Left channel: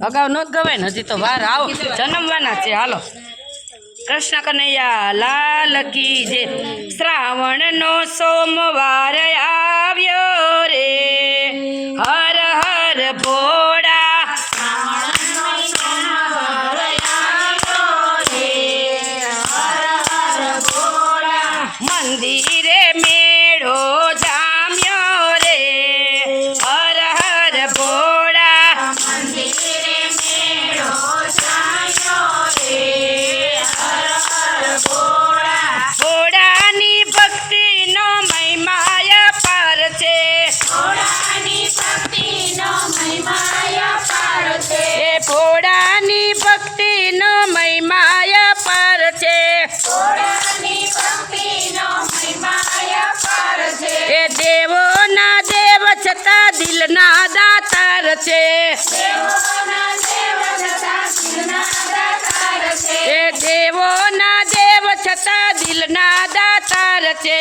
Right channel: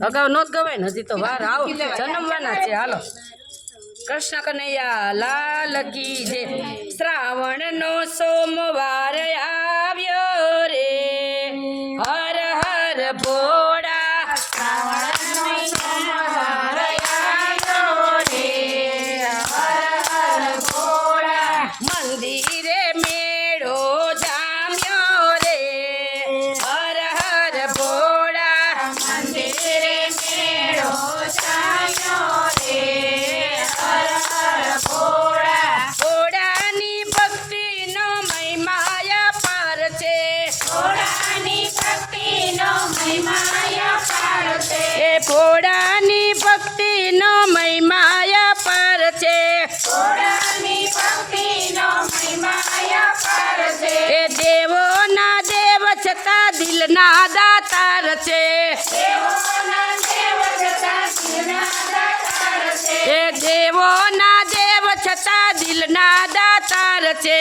અગાઉ નો ગવાય ને હજી તો વાર આવો. જન્મવાના છે. હાલો. કૃષ્ણ કનૈયા, લાલ કી જે શ્રાવણનો સોમવાર એ દેવોના દેવ છતાં દિલના દાતાર છે. એ દેવોના દેવ છતાં દિલના દાતાર છે.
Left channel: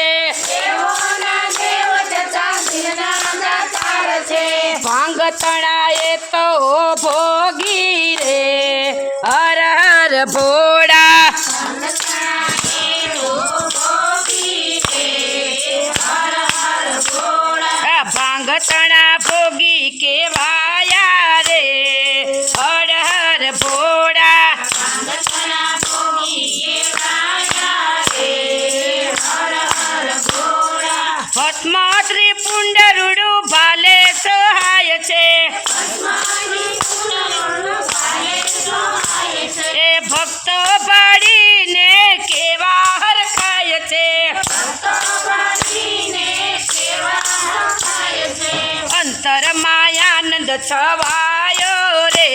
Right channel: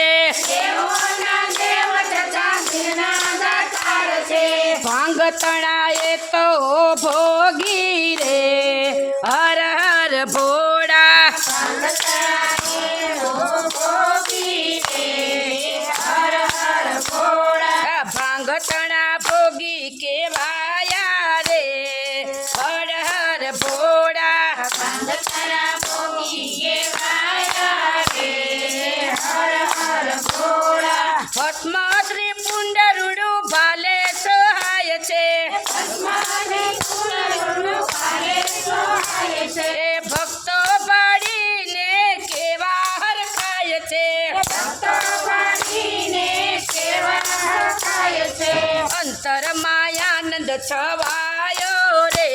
ભાંગ તણાએ તો ભોગી રે. હર હર ભોળા તણા ભોગી છવાયો રે,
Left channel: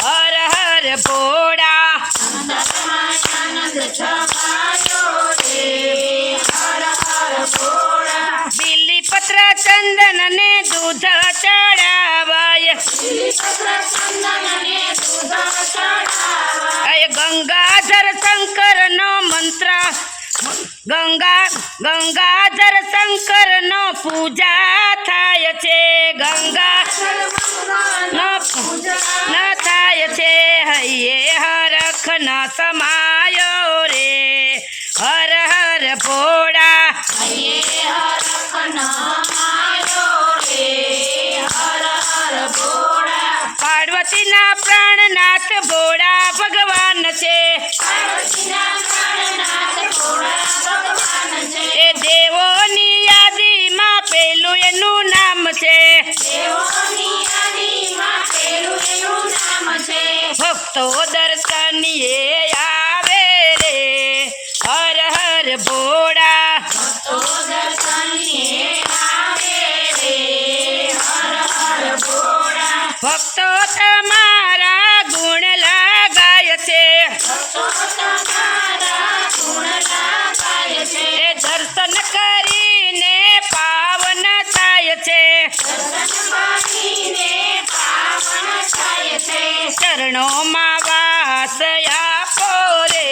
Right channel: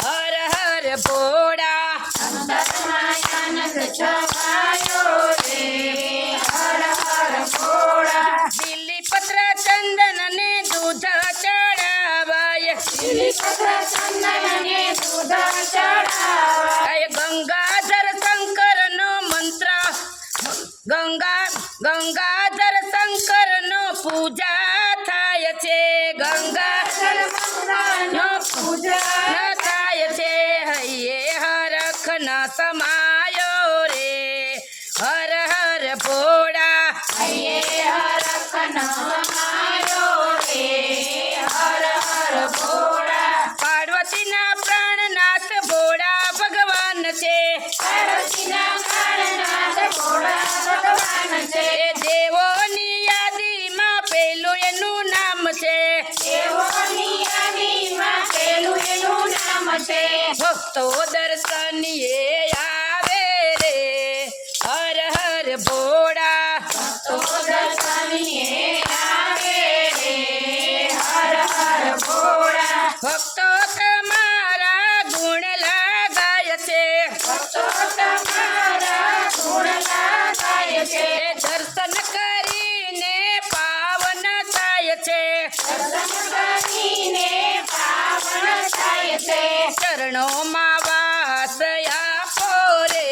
હર હર ભોળા. બિલીપત્ર ચંદન ને દૂધ ચડાવાય. ગંગાધર શંકર નો મંત્ર, ગંગા, ગંગાધર શંકર નો પૂજા થાય છે. ગંગા પ્રાણનાથ ભોળા ભગવાન છે એ દેવોની યાદીમાં પેલું એનું નામ છે ભક્તો દર્શનીએ આવે રે હર હર ભોળા ભક્તો દર્શન કરીને પાવન થાય છે. ચરણોમાં વાસ આપો રે.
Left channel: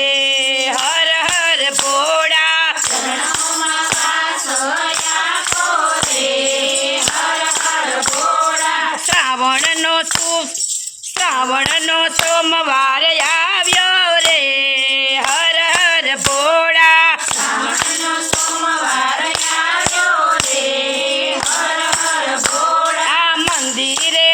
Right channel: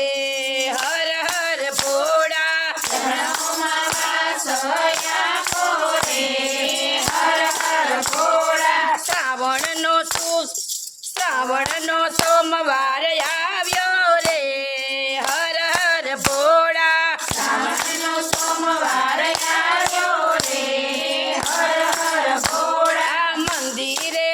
શ્રાવણનો શ્રાવણનો સોમવાર આવ્યો Eat it.